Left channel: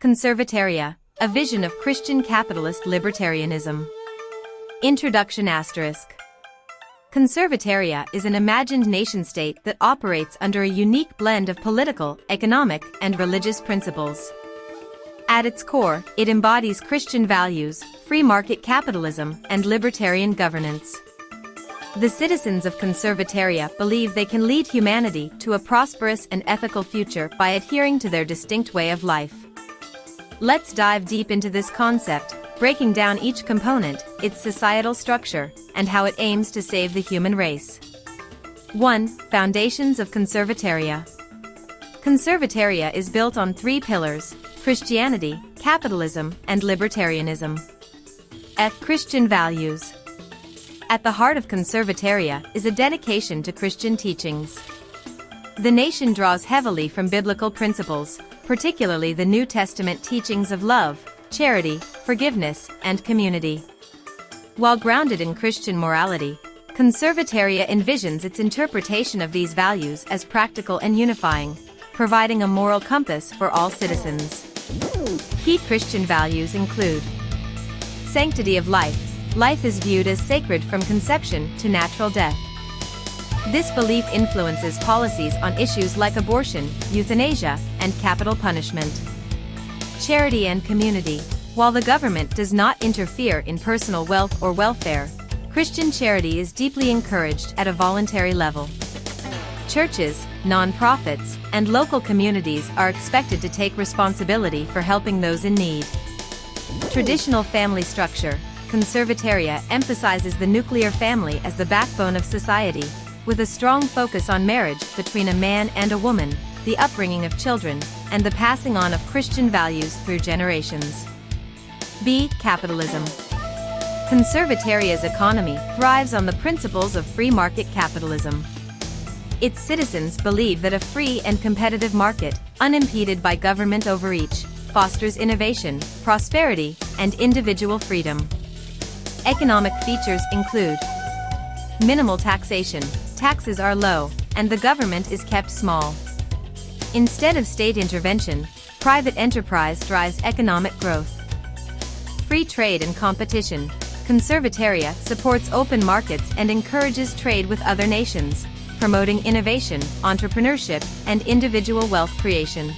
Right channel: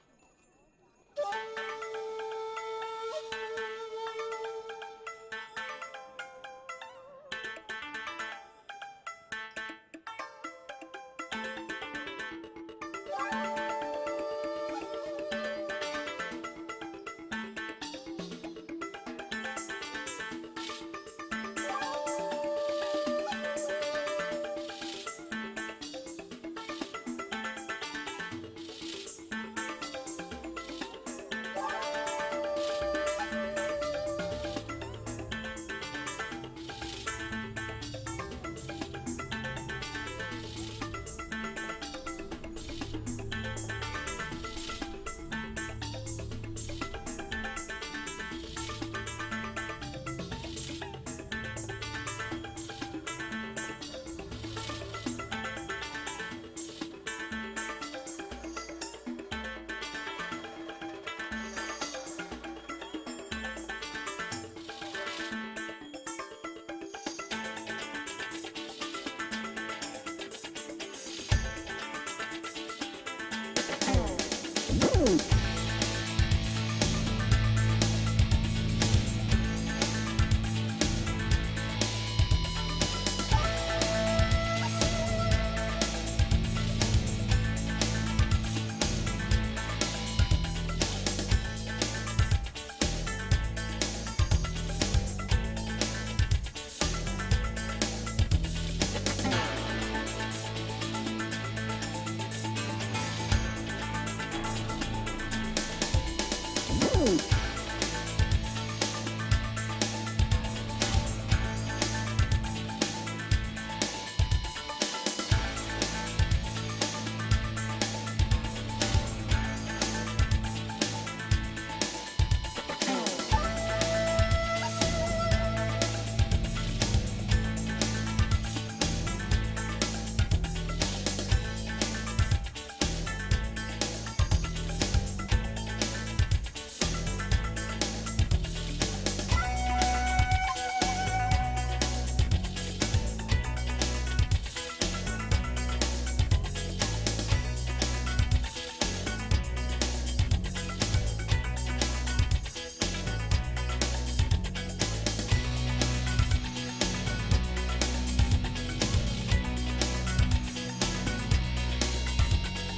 Conservataria, a vision of Christian capitalist libertarianism. Introduction ***. Conservataria is an imagined nation-state that operates under a unique blend of political, economic, and religious principles. At its core, it embodies Christian values, free market capitalism, and libertarian governance. The citizens of Conservataria believe they can lead humanity to a prosperous and ethical future by adhering to their distinct way of life. Let's dive deep into this concept, breaking down each component, its societal structure, and how it aims to save the human race. 1. Foundations of Conservataria. Conservataria is built on three pillars: Christianity, capitalism, and libertarianism. Christian values. At the heart of Conservataria is a dedication to Christian teachings. The nation draws heavily from biblical principles, particularly the New Testament teachings of love, charity, forgiveness, and community. While grounded in Christian morality, Conservataria envisions its interpretation of these values as practical and unifying, providing a moral compass for all citizens. Key Christian values include sanctity of life. Life is viewed as sacred from conception to natural death. This belief influences policies on issues like abortion, euthanasia, and capital punishment. Charity and community. While the government does not interfere in personal wealth or welfare, Christian charity is deeply encouraged at a voluntary level. Churches, non-profits, and local communities are expected to take responsibility for helping those in need. Traditional family structure. Conservataria emphasizes the nuclear family as the backbone of society, with a strong focus on marriage between a man and a woman, the upbringing of children, and the passing on of Christian values through generations. Capitalism. Conservataria's economy thrives on the principles of free market capitalism. Its citizens believe that a free and competitive market, unimpeded by government overreach, fosters innovation, prosperity, and individual freedom. Economic features include minimal taxation. Taxes are low, and the government is kept small. Instead of state intervention, private enterprise drives economic growth. Free trade and competition. Conservataria supports open markets and encourages trade with other nations, promoting innovation, entrepreneurship, and individual wealth creation.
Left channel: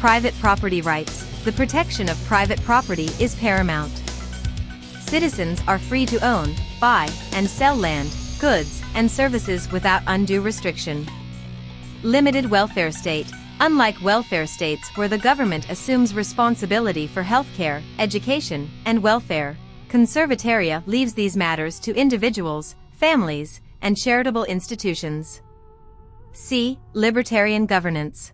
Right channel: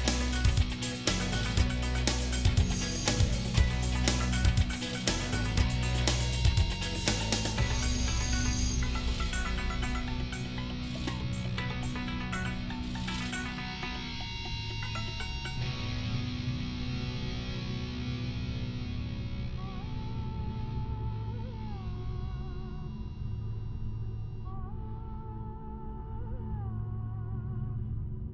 Private property rights. The protection of private property is paramount. Citizens are free to own, buy, and sell land, goods, and services without undue restriction. Limited welfare state. Unlike welfare states where the government assumes responsibility for healthcare, education, and welfare, Conservataria leaves these matters to individuals, families, and charitable institutions. Libertarian governance.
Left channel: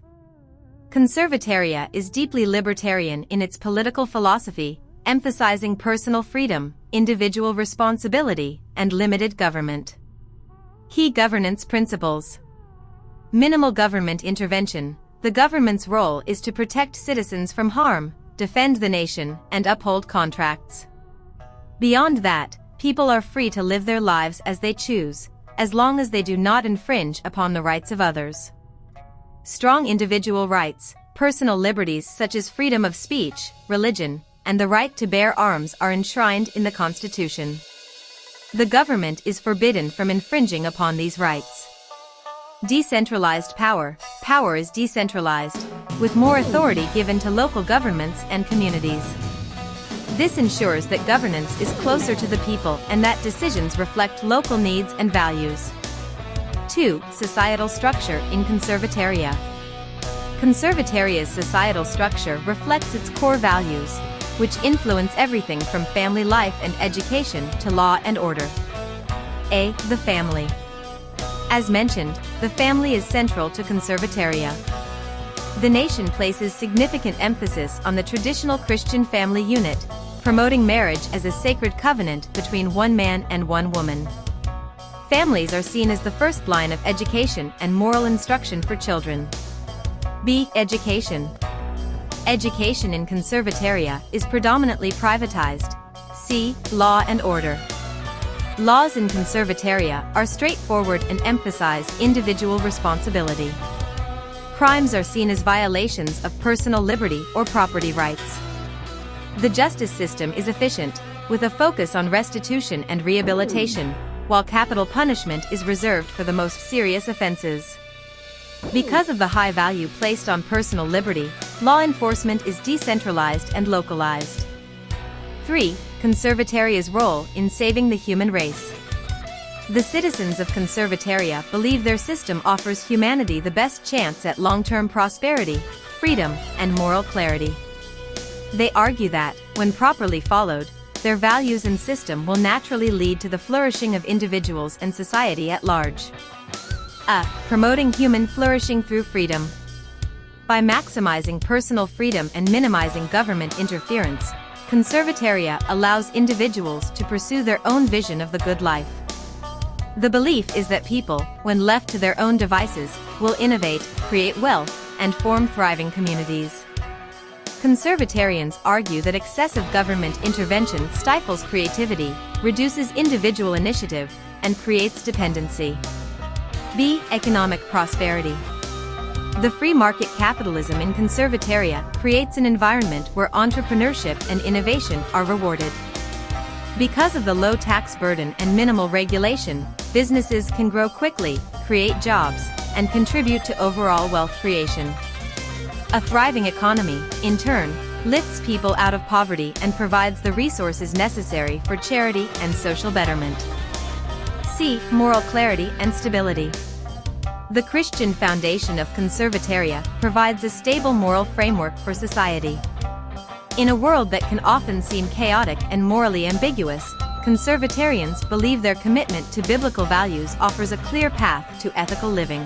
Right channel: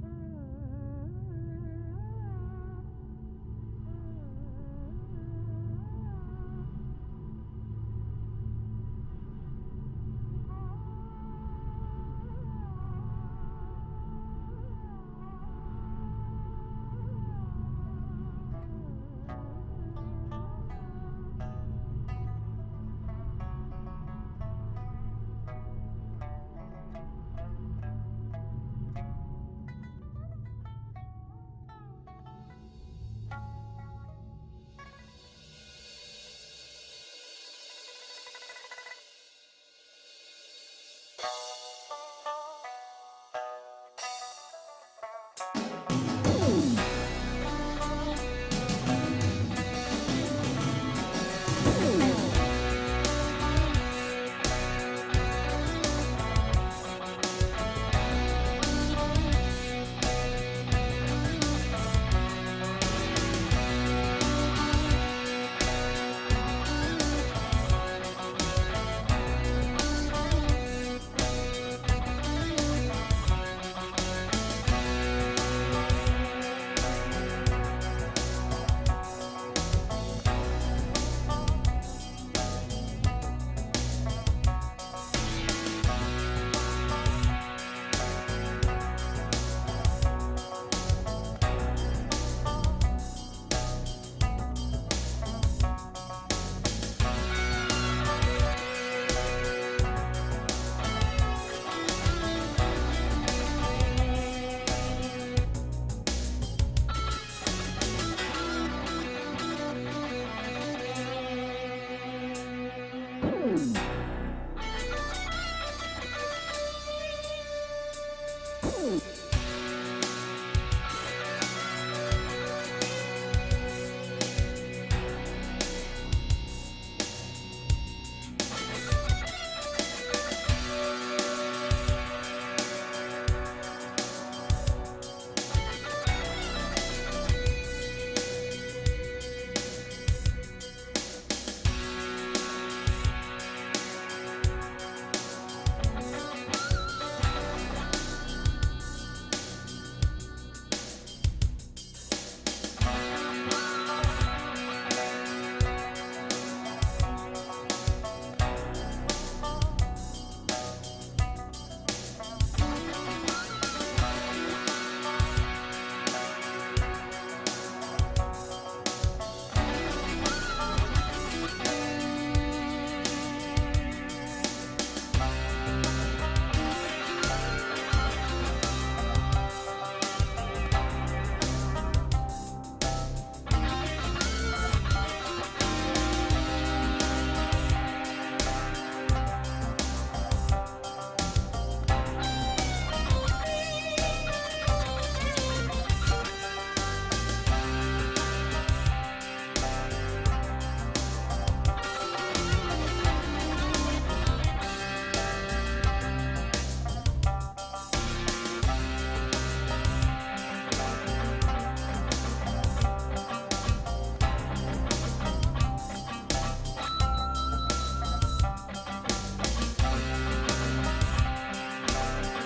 Conservataria is deeply libertarian in its political philosophy, emphasizing personal freedom, individual responsibility, and limited government. Key governance principles. Minimal government intervention. The government's role is to protect citizens from harm, defend the nation, and uphold contracts. Beyond that, people are free to live their lives as they choose, as long as they do not infringe upon the rights of others. Strong individual rights. Personal liberties such as freedom of speech, religion, and the right to bear arms are enshrined in the Constitution. The government is forbidden from infringing upon these rights. Decentralized power. Power is decentralized, with more authority given to local governments and communities. This ensures that governance is closer to the people and that decisions reflect local needs and values. 2. Societal structure in Conservataria. Conservataria's societal structure reflects its core values, which influence everything from family life and education to law and order. The family. As mentioned, the family is central to Conservataria. The nation places significant emphasis on the traditional Christian family unit, promoting marriage as a sacred covenant between one man and one woman. Families are seen as the first line of education and moral instruction for children. Education. Education in Conservataria is predominantly privatized. Law and order. Laws in Conservataria are straightforward and emphasize individual responsibility. crimes are seen as violations of personal liberty or property rights. The justice system is efficient, with a focus on restitution and rehabilitation, while capital punishment is reserved for the most serious offenses. Because of the high value placed on personal liberty, law enforcement is decentralized and localized. 3. Conservataria's role in saving the human race. The citizens of Conservataria believe their system offers humanity the best chance at long-term prosperity, freedom, and moral clarity. They argue that, when properly followed, their values and system will naturally lead to the flourishing of individuals and society at large. Promoting human flourishing through freedom. By maximizing personal freedom and minimizing government interference, Conservataria allows individuals to pursue their own vision of the good life. The belief is that people, when left to their own devices, will innovate, create wealth, and form thriving communities. Conservatarians argue that excessive government intervention stifles creativity, reduces individual initiative, and creates dependency. B. Economic prosperity. The free market capitalism in Conservataria creates an environment where entrepreneurship and innovation are rewarded. Because of the low tax burden and minimal regulation, businesses can grow quickly, create jobs, and contribute to overall wealth creation. A thriving economy, in turn, lifts people out of poverty and provides the resources necessary for charity and social betterment. C. Moral clarity and stability. The Christian foundation of Conservataria provides a stable moral framework for society. In a world that can often seem chaotic and morally ambiguous, Conservatarians believe their commitment to biblical values offers a clear path to ethical living.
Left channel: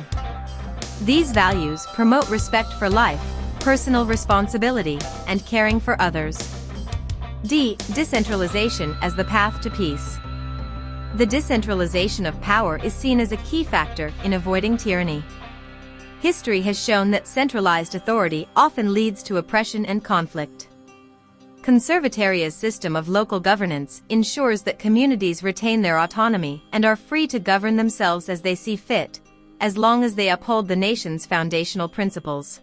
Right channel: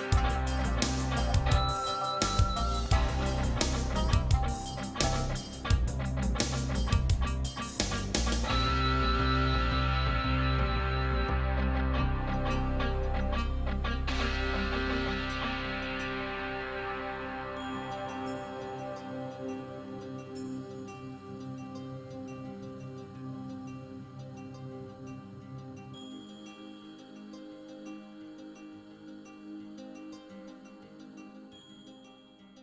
These values promote respect for life, personal responsibility, and caring for others. D. Decentralization as the path to peace. The decentralization of power is seen as a key factor in avoiding tyranny. History has shown that centralized authority often leads to oppression and conflict. Conservataria's system of local governance ensures that communities retain their autonomy and are free to govern themselves as they see fit, as long as they uphold the nation's foundational principles.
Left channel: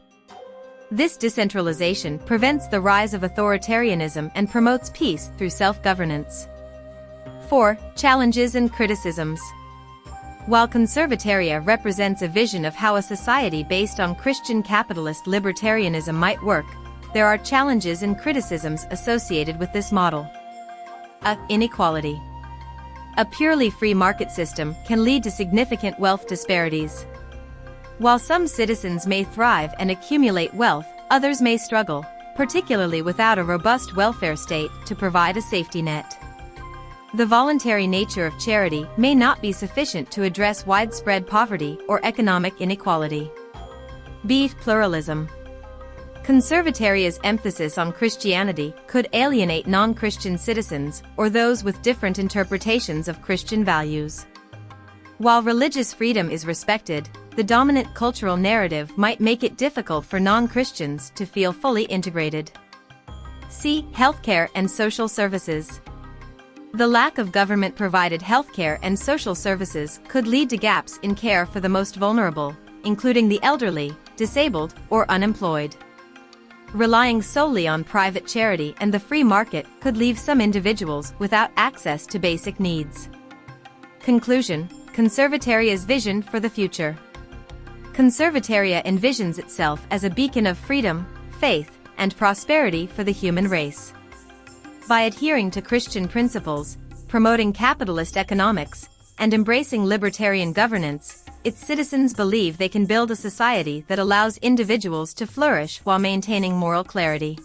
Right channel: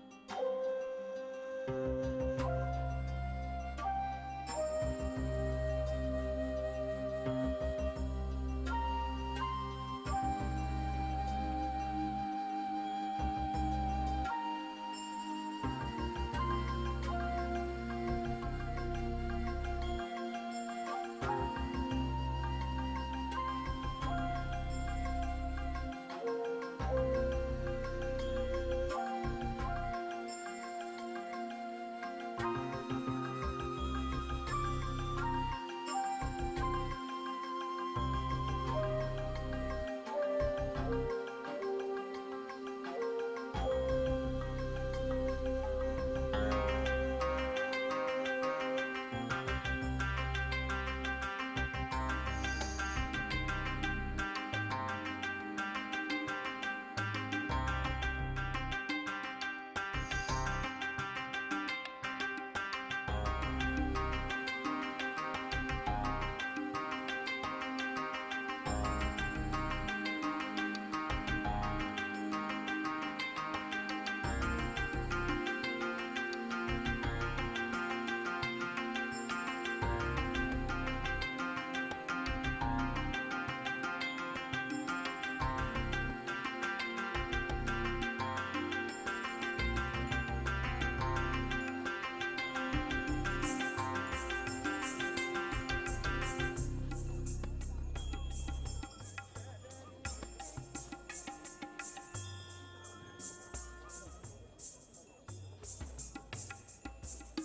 This decentralization prevents the rise of authoritarianism and promotes peace through self-governance. 4. Challenges and criticisms. While Conservataria represents a vision of how a society based on Christian capitalist libertarianism might work, there are challenges and criticisms associated with this model. Inequality. A purely free market system can lead to significant wealth disparities. While some citizens may thrive and accumulate wealth, others may struggle, particularly without a robust welfare state to provide a safety net. The voluntary nature of charity may not be sufficient to address widespread poverty or economic inequality. B. Pluralism. Conservataria's emphasis on Christianity could alienate non-Christian citizens or those with different interpretations of Christian values. While religious freedom is respected, the dominant cultural narrative might make it difficult for non-Christians to feel fully integrated. C. Healthcare and social services. The lack of government-provided healthcare and social services could lead to gaps in care for the most vulnerable, including the elderly, disabled, or unemployed. Relying solely on private charity and the free market could leave some individuals without access to basic needs. Conclusion: Conservataria's vision for the future. Conservataria envisions itself as a beacon of freedom, faith, and prosperity for the human race. By adhering to Christian principles, promoting capitalist economics, and embracing libertarian governance, its citizens believe they can build a society that allows individuals to flourish while maintaining moral clarity.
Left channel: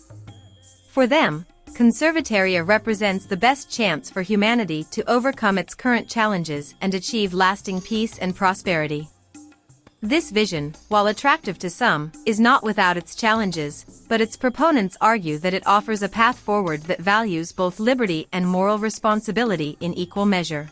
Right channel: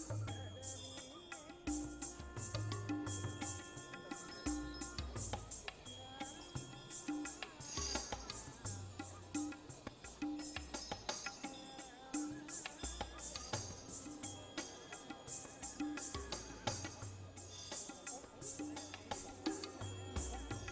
For them, Conservataria represents the best chance for humanity to overcome its current challenges and achieve lasting peace and prosperity. This vision, while attractive to some, is not without its challenges, but its proponents argue that it offers a path forward that values both liberty and moral responsibility in equal measure.